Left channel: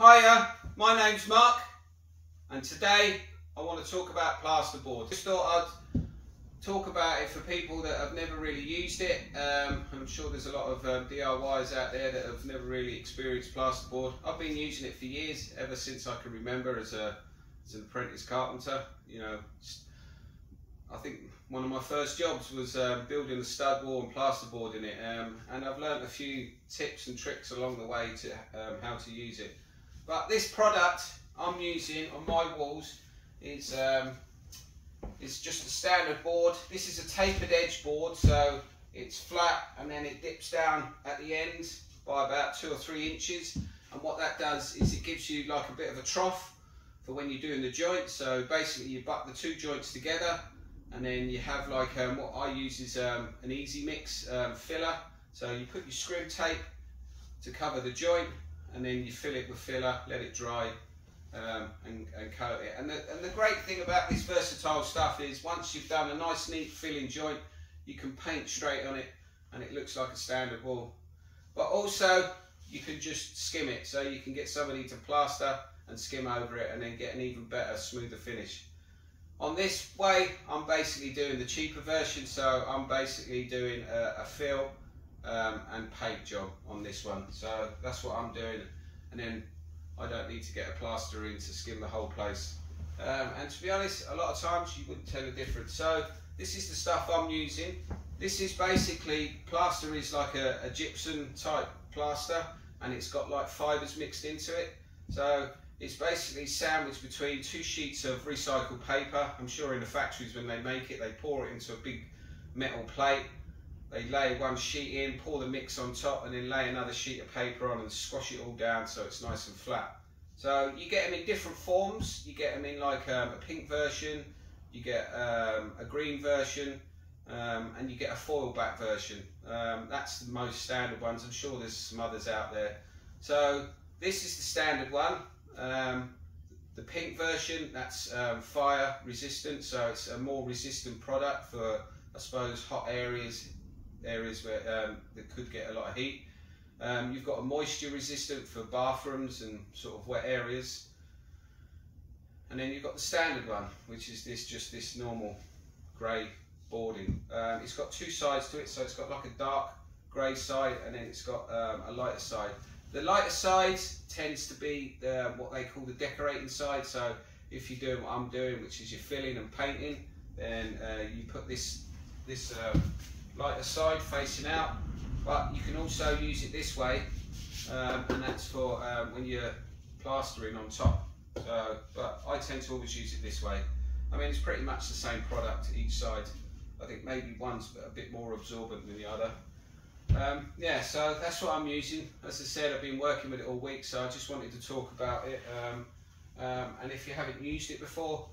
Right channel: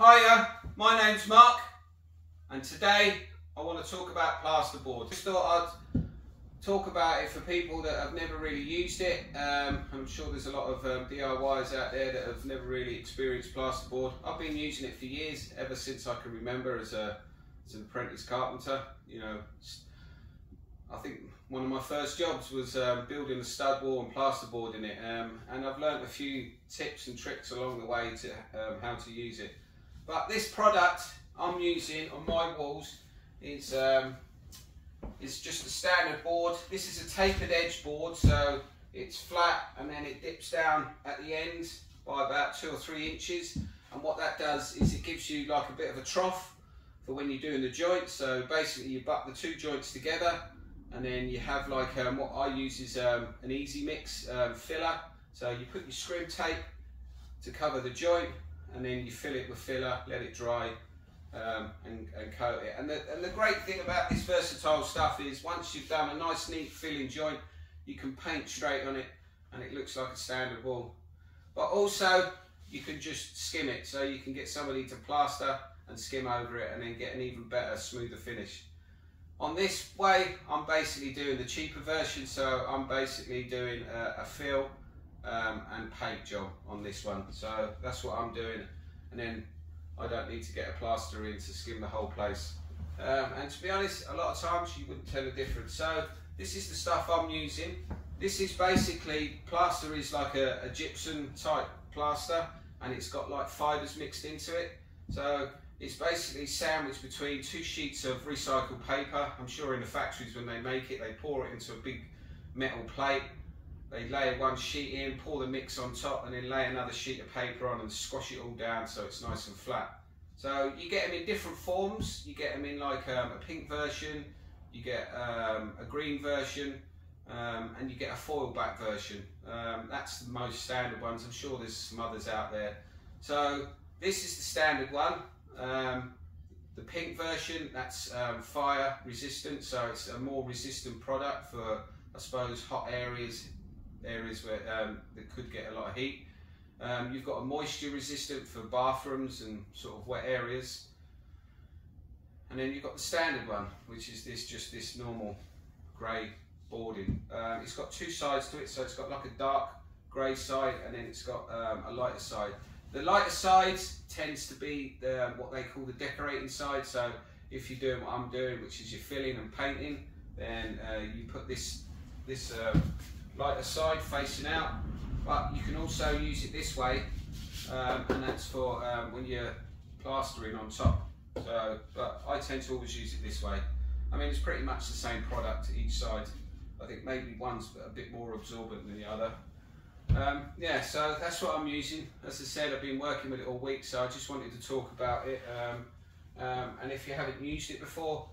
Hiya, my name's Mark, and today I want to talk about plasterboard. Just thought I'd talk about it for people that have never really used it. I'm sure there's a lot of DIYs out there that have never really experienced plasterboard. I've been using it for years, ever since I can remember as an apprentice carpenter. You know, I think one of my first jobs was building a stud wall and plasterboarding it, and I've learned a few tips and tricks along the way to how to use it. But this product I'm using on my walls is just a standard board. This is a tapered edge board, so it's flat and then it dips down at the end by about 2 or 3 inches. And what that does is it gives you like a bit of a trough for when you're doing the joints. So basically you butt the 2 joints together, and then you have like what I use is an easy mix filler. So you put your scrim tape to cover the joint, and then you fill it with filler, let it dry, and coat it. And the great thing about this versatile stuff is once you've done a nice neat filling joint, you can paint straight on it and it looks like a standard wall. But also you can just skim it, so you can get somebody to plaster and skim over it and then get an even better, smoother finish. On this way, I'm basically doing the cheaper version, so I'm basically doing a fill and paint job on this one. So that's what I'm doing, and then I don't need to get a plaster in to skim the whole place. And to be honest, a lot of times you wouldn't tell the difference. So this is the stuff I'm using. This is basically, plaster is like a gypsum type plaster, and it's got like fibres mixed into it. So it's basically sandwiched between 2 sheets of recycled paper. I'm sure in the factories when they make it, they pour it into a big metal plate. They lay 1 sheet in, pour the mix on top, and then lay another sheet of paper on and squash it all down so it's nice and flat. So you get them in different forms. You get them in like a pink version, you get a green version, and you get a foil back version. That's the most standard ones. I'm sure there's some others out there. So this is the standard one. The pink version, that's fire resistant, so it's a more resistant product for, I suppose, hot areas where that could get a lot of heat. You've got a moisture resistant for bathrooms and sort of wet areas, and then you've got the standard one, which is just this normal grey boarding. It's got 2 sides to it, so it's got like a dark grey side, and then it's got a lighter side. The lighter side tends to be what they call the decorating side. So if you're doing what I'm doing, which is you're filling and painting, then you put this lighter side facing out. But you can also use it this way, and that's for when you're plastering on top. So, but I tend to always use it this way. I mean, it's pretty much the same product each side. I think maybe one's a bit more absorbent than the other. Yeah, so that's what I'm using. As I said, I've been working with it all week, so I just wanted to talk about it. And if you haven't used it before,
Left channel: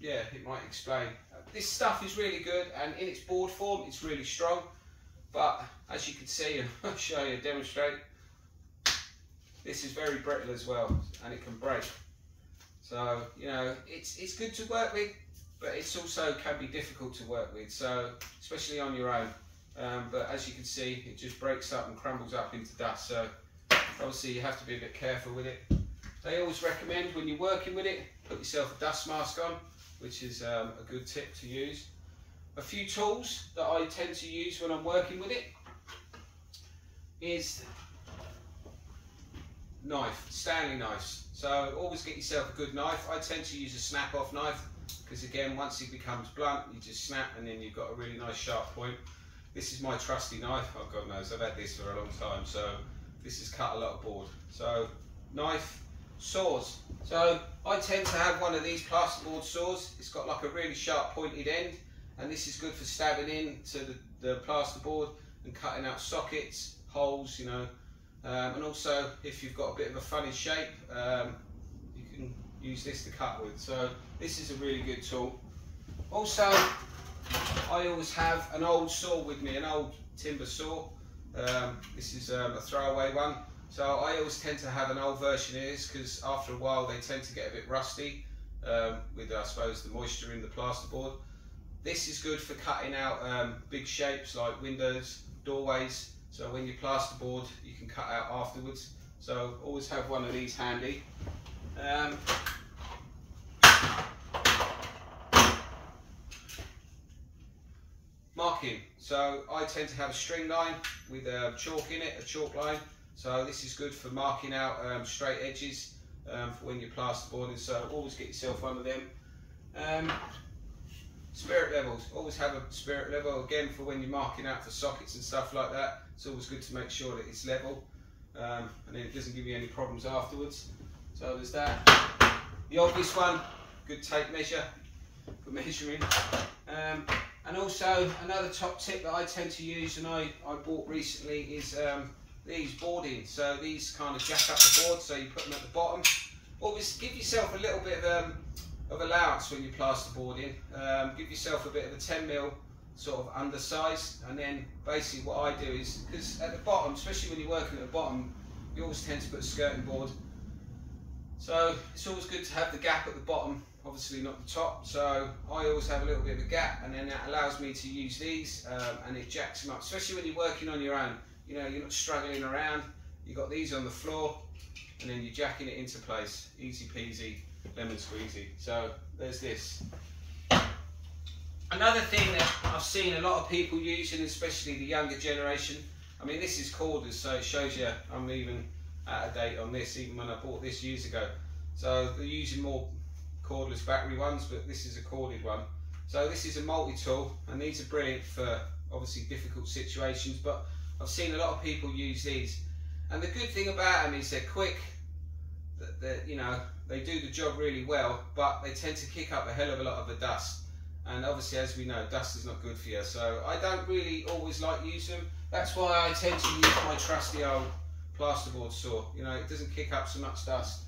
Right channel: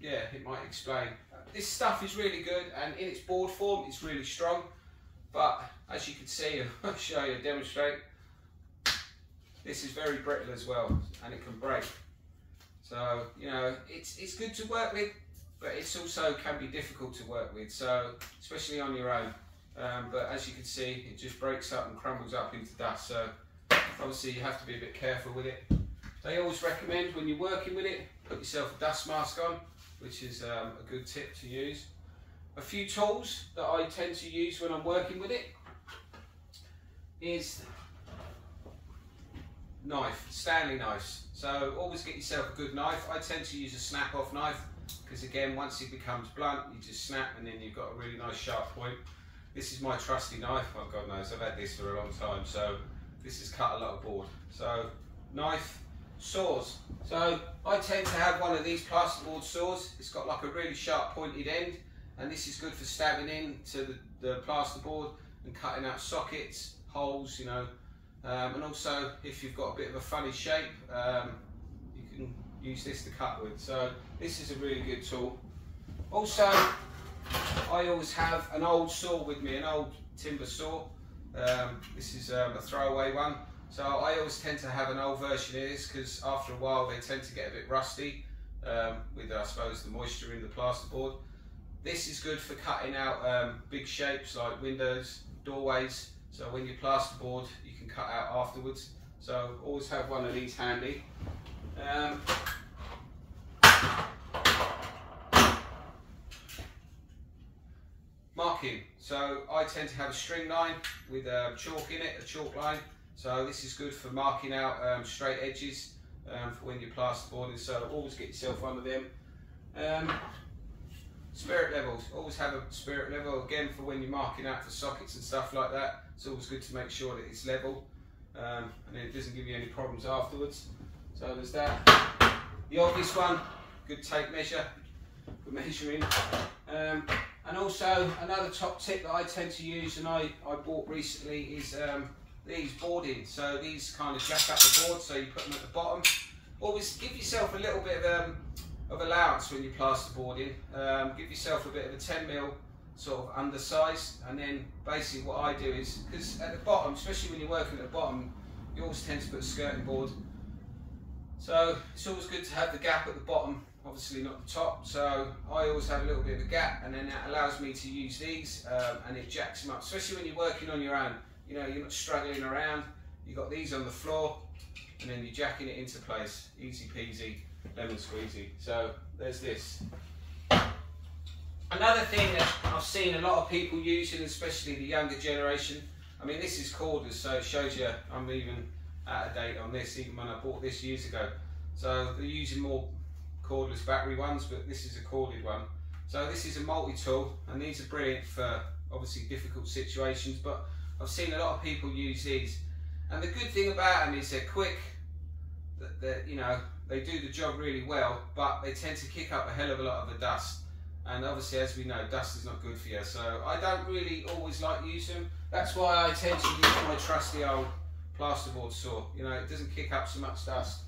yeah, it might explain. This stuff is really good, and in its board form, it's really strong. But as you can see, I'll show you, demonstrate. This is very brittle as well, and it can break. So you know, it's good to work with, but it's also can be difficult to work with. So especially on your own. But as you can see, it just breaks up and crumbles up into dust. So obviously you have to be a bit careful with it. They always recommend when you're working with it, put yourself a dust mask on, which is a good tip to use. A few tools that I tend to use when I'm working with it is knife, Stanley knives. So always get yourself a good knife. I tend to use a snap-off knife because again, once it becomes blunt, you just snap and then you've got a really nice sharp point. This is my trusty knife. Oh God knows, I've had this for a long time. So this has cut a lot of board. So knife, saws. So I tend to have one of these plasterboard saws. It's got like a really sharp pointed end, and this is good for stabbing into the plasterboard and cutting out sockets, holes, you know. And also if you've got a bit of a funny shape, you can use this to cut with. So this is a really good tool. Also, I always have an old saw with me, an old timber saw. This is a throwaway one. So I always tend to have an old version of this because after a while they tend to get a bit rusty with, I suppose, the moisture in the plasterboard. This is good for cutting out big shapes like windows, doorways. So when you plasterboard, you can cut out afterwards. so always have one of these handy. Marking, so I tend to have a string line with chalk in it, a chalk line, so this is good for marking out straight edges for when you're plasterboarding, so always get yourself one of them. Spirit levels, always have a spirit level, again for when you're marking out for sockets and stuff like that. It's always good to make sure that it's level, and then it doesn't give you any problems afterwards. So there's that. The obvious one, good tape measure for measuring. And also another top tip that I tend to use, and I bought recently, is these boarding. So these kind of jack up the board, so you put them at the bottom. Always give yourself a little bit of allowance when you're plasterboarding. Give yourself a bit of a 10mm sort of undersize, and then basically what I do is, because at the bottom, especially when you're working at the bottom, you always tend to put a skirting board. So it's always good to have the gap at the bottom, obviously not the top, so I always have a little bit of a gap, and then that allows me to use these, and it jacks them up, especially when you're working on your own. You know, you're not struggling around, you've got these on the floor, and then you're jacking it into place. Easy peasy, lemon squeezy. So there's this. Another thing that I've seen a lot of people using, especially the younger generation, I mean this is cordless, so it shows you I'm even out of date on this, even when I bought this years ago. So they're using more cordless battery ones, but this is a corded one. So this is a multi-tool, and these are brilliant for obviously difficult situations, but I've seen a lot of people use these, and the good thing about them is they're quick, that you know, they do the job really well, but they tend to kick up a hell of a lot of the dust, and obviously, as we know, dust is not good for you, so I don't really always like using them. That's why I tend to use my trusty old plasterboard saw. You know, it doesn't kick up so much dust.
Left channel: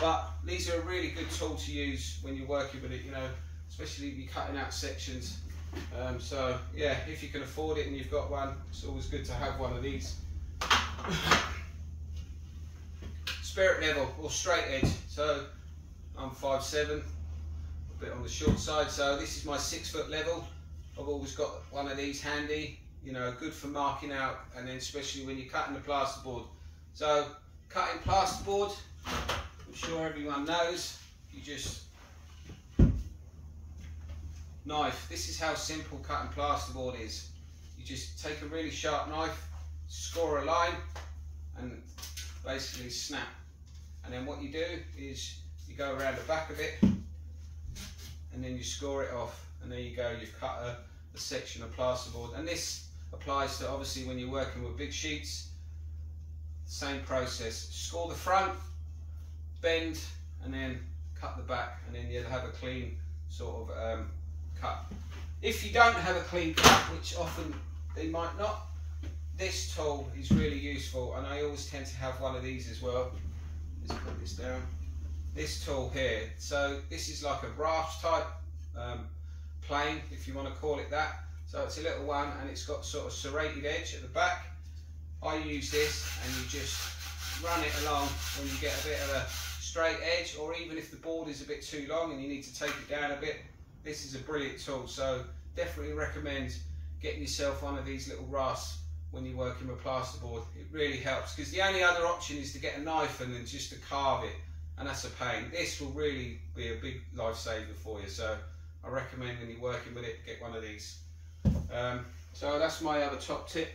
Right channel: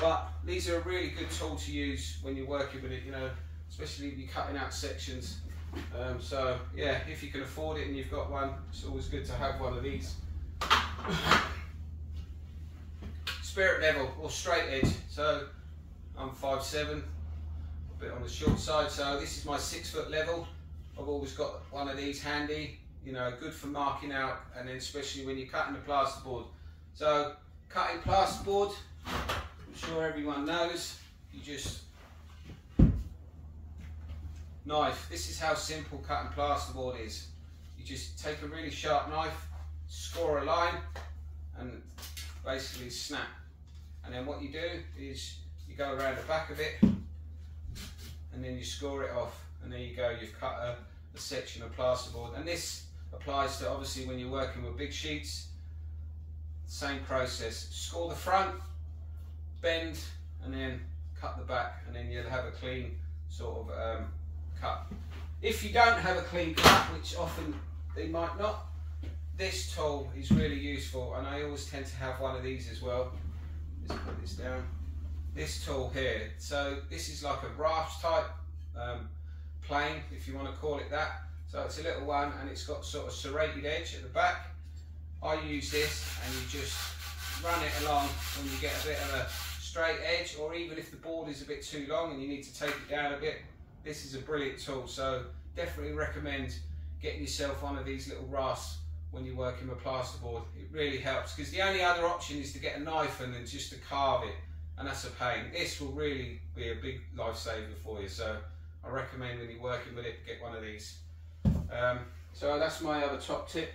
But these are a really good tool to use when you're working with it, you know, especially if you're cutting out sections. So yeah, if you can afford it and you've got one, it's always good to have one of these. Spirit level or straight edge. So I'm 5'7", a bit on the short side, so this is my 6 foot level. I've always got one of these handy, you know, good for marking out, and then especially when you're cutting the plasterboard. So cutting plasterboard, I'm sure everyone knows, you just knife. This is how simple cutting plasterboard is. You just take a really sharp knife, score a line, and basically snap. And then what you do is you go around the back of it, and then you score it off, and there you go, you've cut a section of plasterboard. And this applies to obviously when you're working with big sheets. Same process, score the front, bend, and then cut the back, and then you'll have a clean sort of cut. If you don't have a clean cut, which often they might not, this tool is really useful, and I always tend to have one of these as well. Let's put this down. This tool here, so this is like a raft type plane, if you want to call it that. So it's a little one, and it's got sort of serrated edge at the back. I use this, and you just run it along when you get a bit of a straight edge, or even if the board is a bit too long and you need to take it down a bit, this is a brilliant tool. So definitely recommend getting yourself one of these little rasps when you're working with plasterboard. It really helps, because the only other option is to get a knife and then just to carve it, and that's a pain. This will really be a big lifesaver for you, so I recommend when you're working with it, get one of these. So that's my other top tip.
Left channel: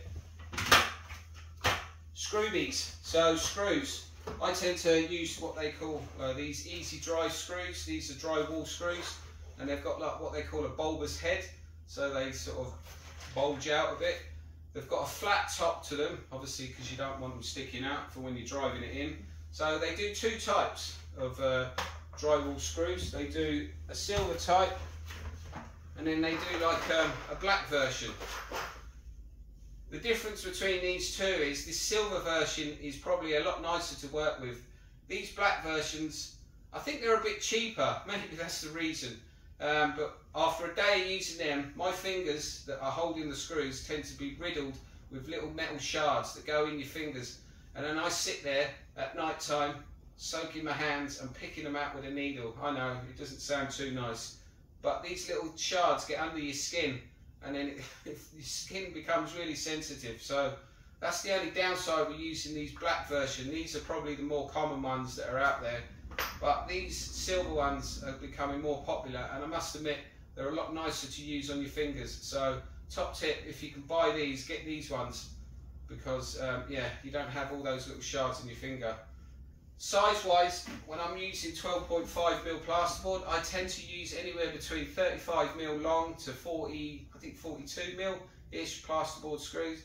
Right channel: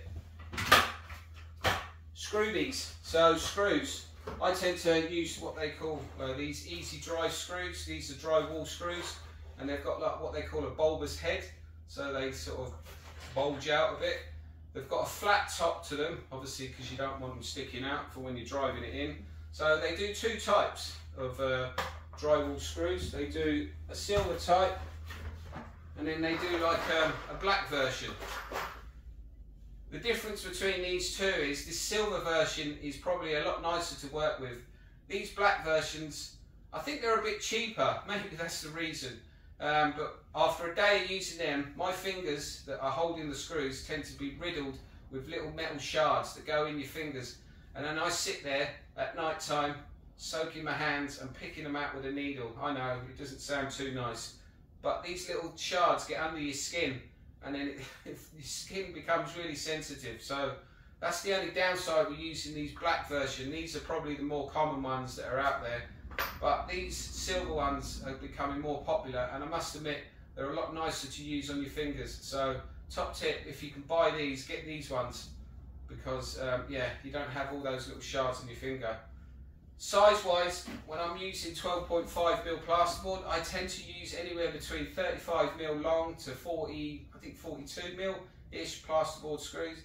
Screwbies, so screws. I tend to use what they call these easy dry screws. These are drywall screws, and they've got like what they call a bulbous head, so they sort of bulge out a bit. They've got a flat top to them, obviously, because you don't want them sticking out for when you're driving it in. So they do two types of drywall screws. They do a silver type, and then they do like a black version. The difference between these two is this silver version is probably a lot nicer to work with. These black versions, I think they're a bit cheaper, maybe that's the reason. But after a day of using them, my fingers that are holding the screws tend to be riddled with little metal shards that go in your fingers. And then I sit there at night time, soaking my hands and picking them out with a needle. I know, it doesn't sound too nice, but these little shards get under your skin, and then your skin becomes really sensitive. So That's the only downside with using these black version. These are probably the more common ones that are out there, but these silver ones are becoming more popular, and I must admit they're a lot nicer to use on your fingers. So top tip, if you can buy these, get these ones, because yeah, you don't have all those little shards on your finger. Size wise, when I'm using 12.5mm plasterboard, I tend to use anywhere between 35mm long to 42mm ish plasterboard screws.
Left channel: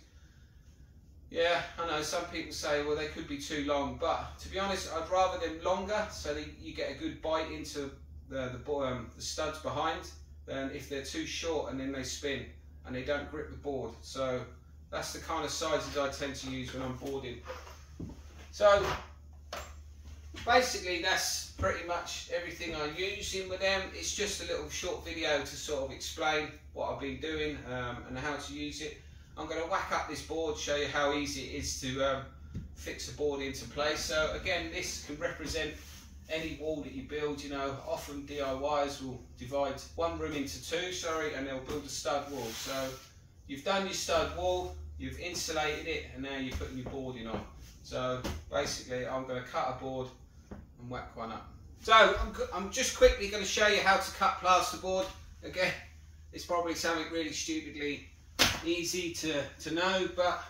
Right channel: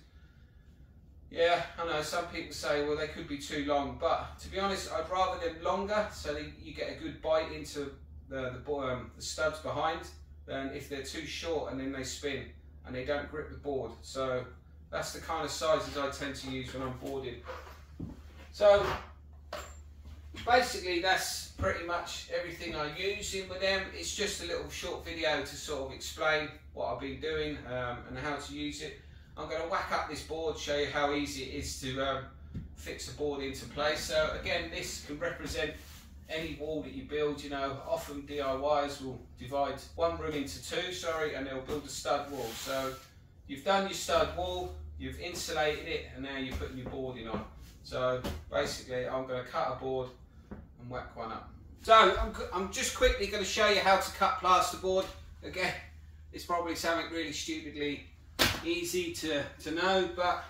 Yeah, I know some people say, well, they could be too long, but to be honest, I'd rather them longer so that you get a good bite into the studs behind, than if they're too short and then they spin and they don't grip the board. So that's the kind of sizes I tend to use when I'm boarding. So basically that's pretty much everything I use in with them. It's just a little short video to sort of explain what I've been doing and how to use it. I'm going to whack up this board, show you how easy it is to fix the board into place. So again, this can represent any wall that you build. You know, often DIYers will divide one room into two, and they'll build a stud wall. So you've done your stud wall, you've insulated it, and now you're putting your boarding on. So basically I'm going to cut a board and whack one up. So I'm just quickly going to show you how to cut plasterboard. Again, it's probably something really stupidly easy to know, but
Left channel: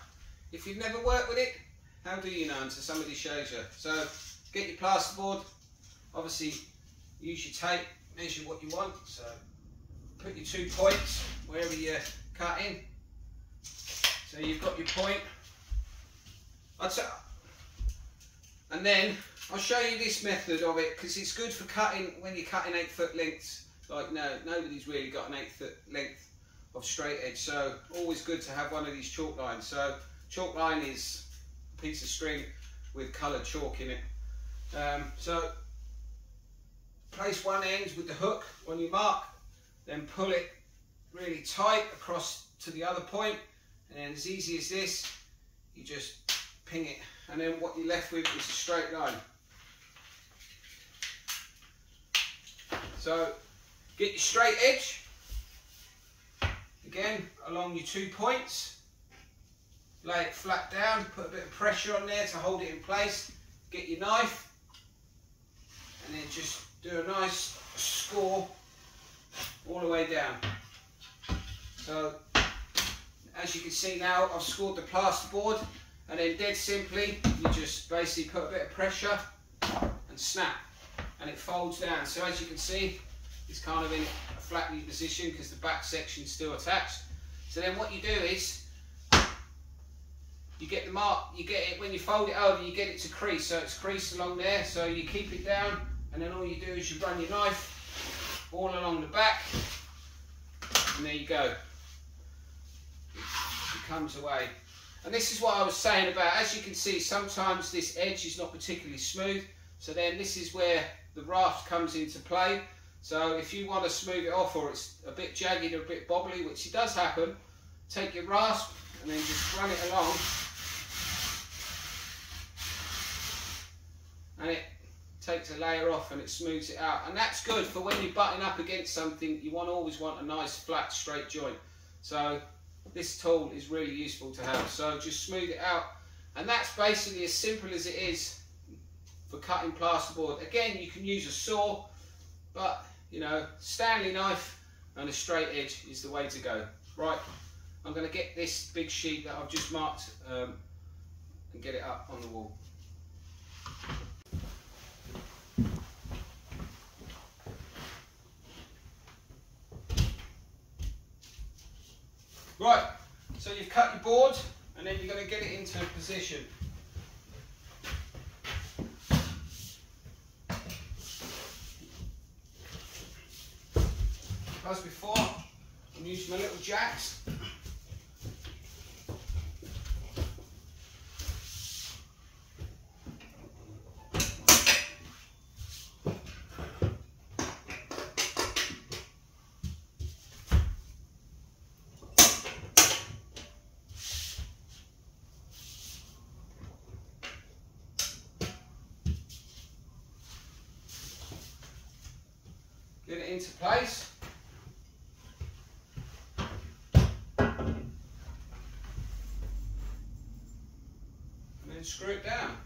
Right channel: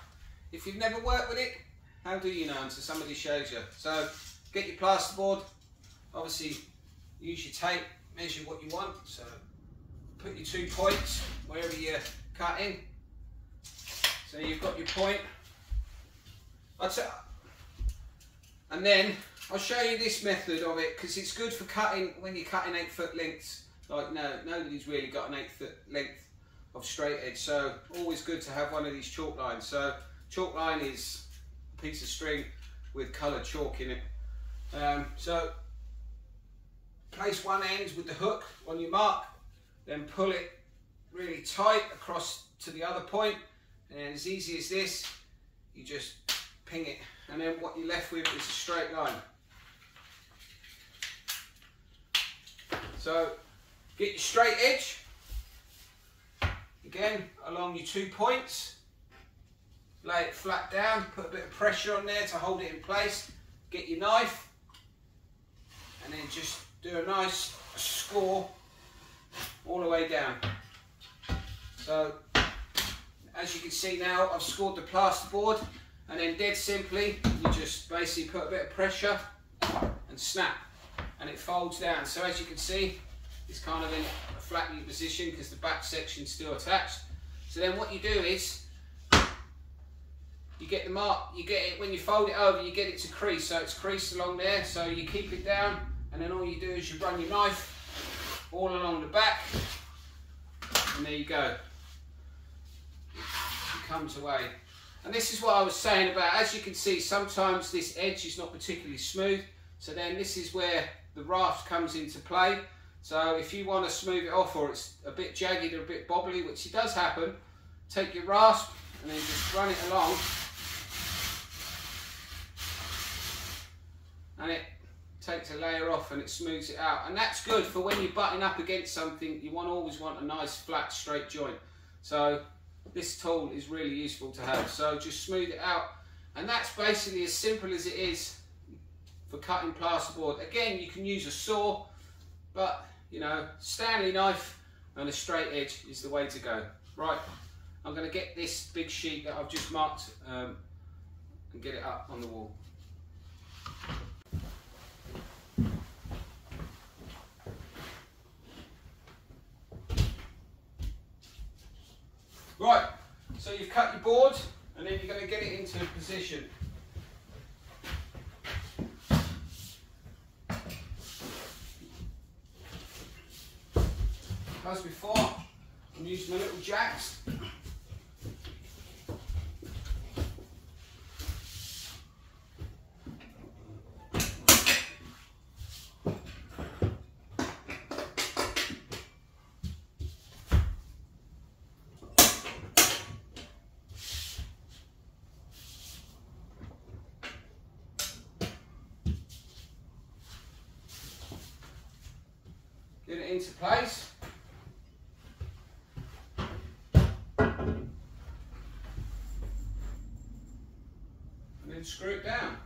if you've never worked with it, how do you know until somebody shows you? So get your plasterboard, obviously use your tape, measure what you want. So put your 2 points wherever you're cutting. So you've got your point. And then I'll show you this method of it, because it's good for cutting when you're cutting 8-foot lengths. Like nobody's really got an 8-foot length of straight edge, so always good to have one of these chalk lines. So chalk line is a piece of string with coloured chalk in it. So place one end with the hook on your mark, then pull it really tight across to the other point, and as easy as this, you just ping it, and then what you're left with is a straight line. So get your straight edge, again along your 2 points, lay it flat down, put a bit of pressure on there to hold it in place, get your knife, and then just do a nice score all the way down. So as you can see now, I've scored the plasterboard, and then dead simply you just basically put a bit of pressure and snap, and it folds down. So as you can see, it's kind of in a flat position because the back section's still attached. So then what you do is you get the mark, you get it, when you fold it over, you get it to crease, so it's creased along there. So you keep it down, and then all you do is you run your knife all along the back, and there you go, it comes away. And this is what I was saying about, as you can see, sometimes this edge is not particularly smooth, so then this is where the raft comes into play. So if you want to smooth it off, or it's a bit jagged or a bit bobbly, which it does happen, take your rasp and then just run it along, and it takes a layer off and it smooths it out. And that's good for when you're butting up against something. You always want a nice flat straight joint. So this tool is really useful to have. So just smooth it out, and that's basically as simple as it is for cutting plasterboard. Again, you can use a saw, but you know, Stanley knife and a straight edge is the way to go. Right, I'm going to get this big sheet that I've just marked and get it up on the wall. Right, so you've cut your board, and then you're going to get it into position. As before, I'm using my little jacks. Get it into place. screw it down.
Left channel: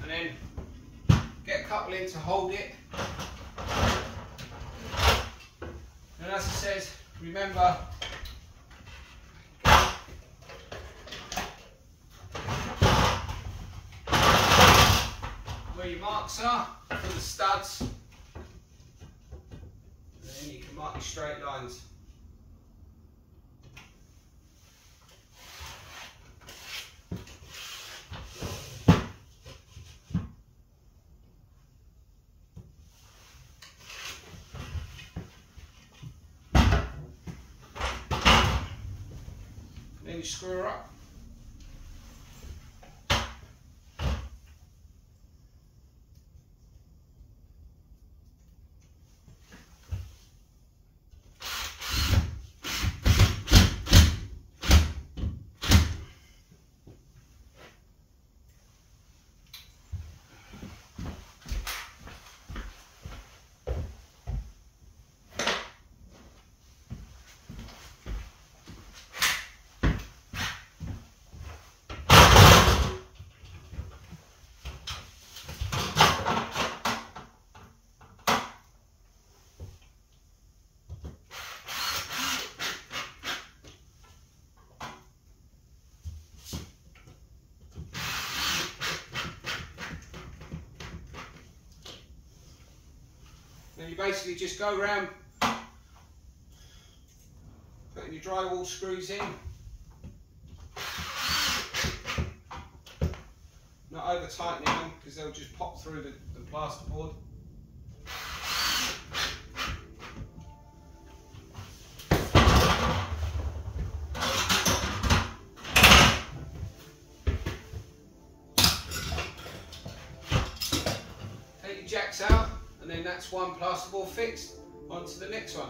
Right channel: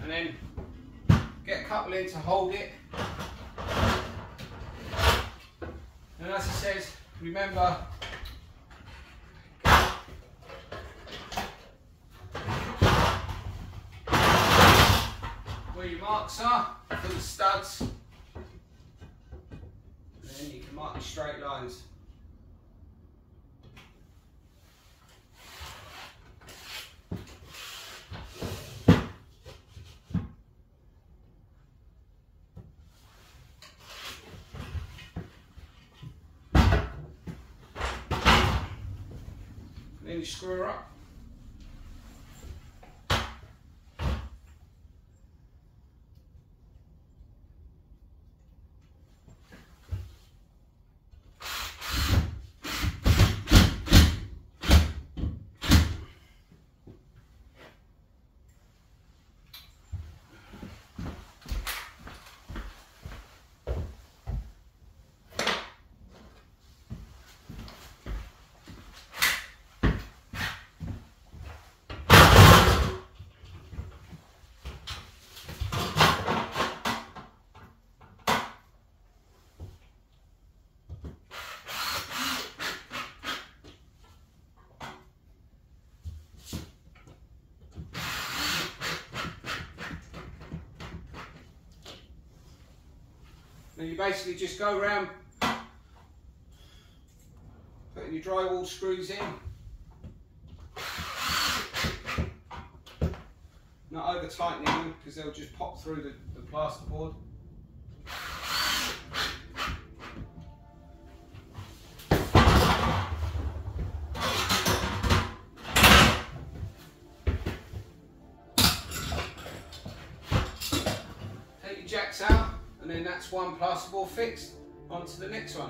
And then get a couple in to hold it. And as it says, remember where your marks are for the studs, and then you can mark your straight lines. Then you screw her up. Then you basically just go around putting your drywall screws in, not over tightening them because they'll just pop through the plasterboard. Take your jacks out, and then that's one plasterboard fixed. On to the next one.